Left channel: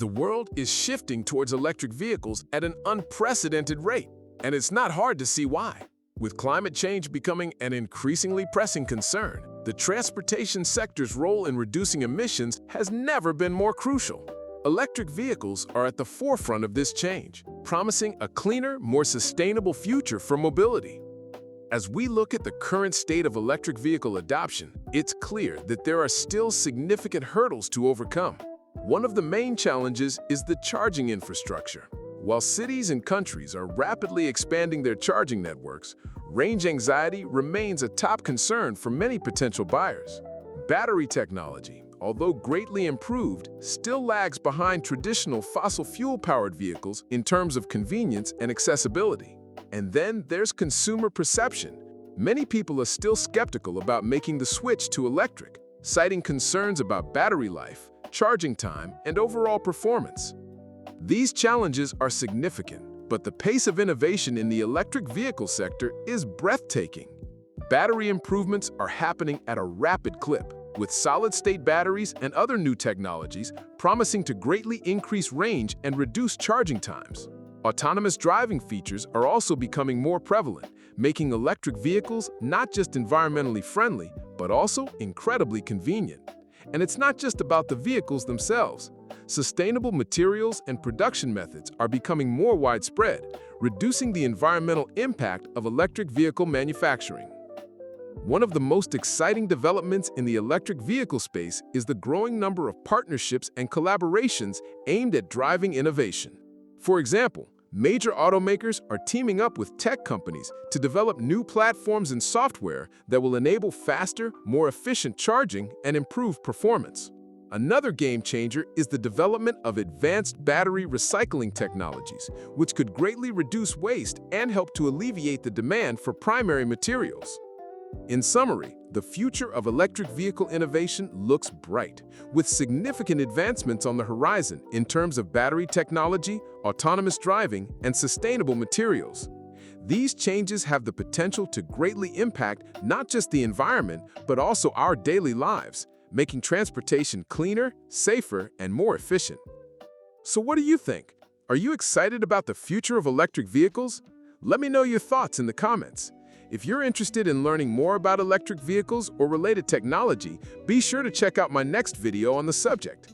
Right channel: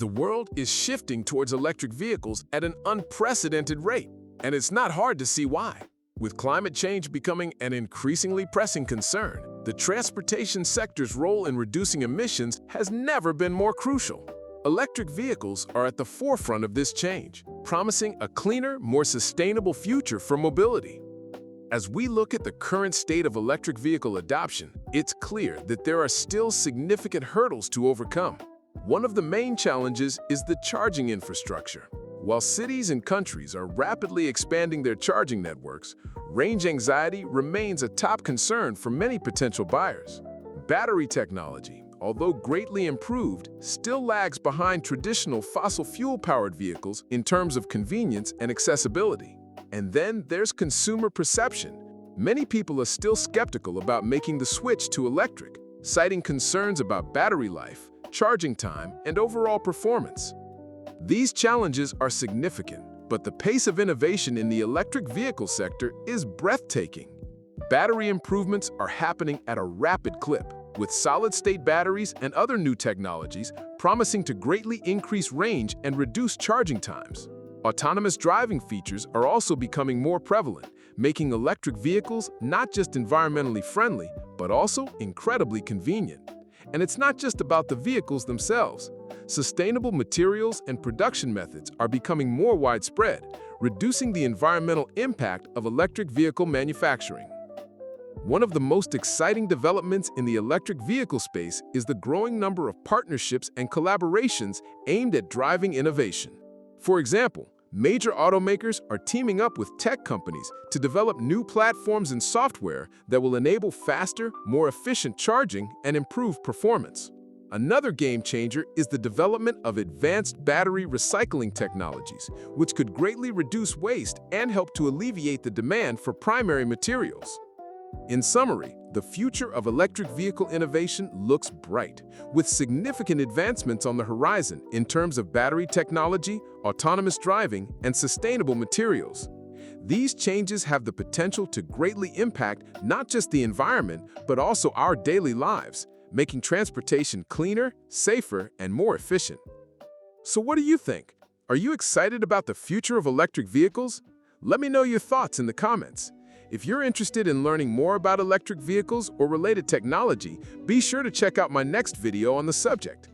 The world is shifting towards electric vehicles at an unprecedented rate, and it's not hard to see why. With climate change becoming an increasingly pressing concern, the transportation sector's role in reducing emissions has never been more crucial. Electric vehicles are at the forefront of this change, promising a cleaner, more sustainable future for mobility. As we look at the current state of electric vehicle adoption, it's clear that there are still significant hurdles to overcome. One of the main challenges is the charging infrastructure. While cities and countries are rapidly expanding their charging networks, range anxiety remains a top concern for many potential buyers. Battery technology, although greatly improved, still lags behind traditional fossil fuel-powered vehicles in terms of convenience and accessibility. And then there's consumer perception. Many people are still skeptical about making the switch to electric, citing concerns about battery life, charging time, and overall performance. These challenges are significant, but the pace of innovation in the electric vehicle sector is breathtaking. Battery improvements are happening at a rapid clip, with solid-state batteries and other new technologies promising to greatly increase range and reduce charging times. Autonomous driving features are also becoming more prevalent, making electric vehicles not just environmentally friendly, but also incredibly convenient. And it's not just about the vehicles themselves. Sustainable materials and production methods are becoming more widespread, reducing the environmental impact of electric vehicle manufacturing. One of the most exciting developments in the electric vehicle space is the growing number of partnerships and collaborations aimed at driving innovation. For example, major automakers are teaming up with tech companies to develop new platforms and software that will enable faster, more efficient charging and improve performance. Another game changer is the development of advanced battery recycling technologies, which could greatly reduce waste and help to alleviate the demand for primary materials. In summary, the future of electric vehicle innovation looks bright, with significant advancements on the horizon in terms of battery technology, autonomous driving, and sustainable materials. These changes have the potential to greatly impact not just the environment, but also our daily lives, making transportation cleaner, safer, and more efficient. So what do you think? Are you excited about the future of electric vehicles? Let me know your thoughts in the comments. If you're interested in learning more about electric vehicles or related technology, be sure to check out my next video on the subject.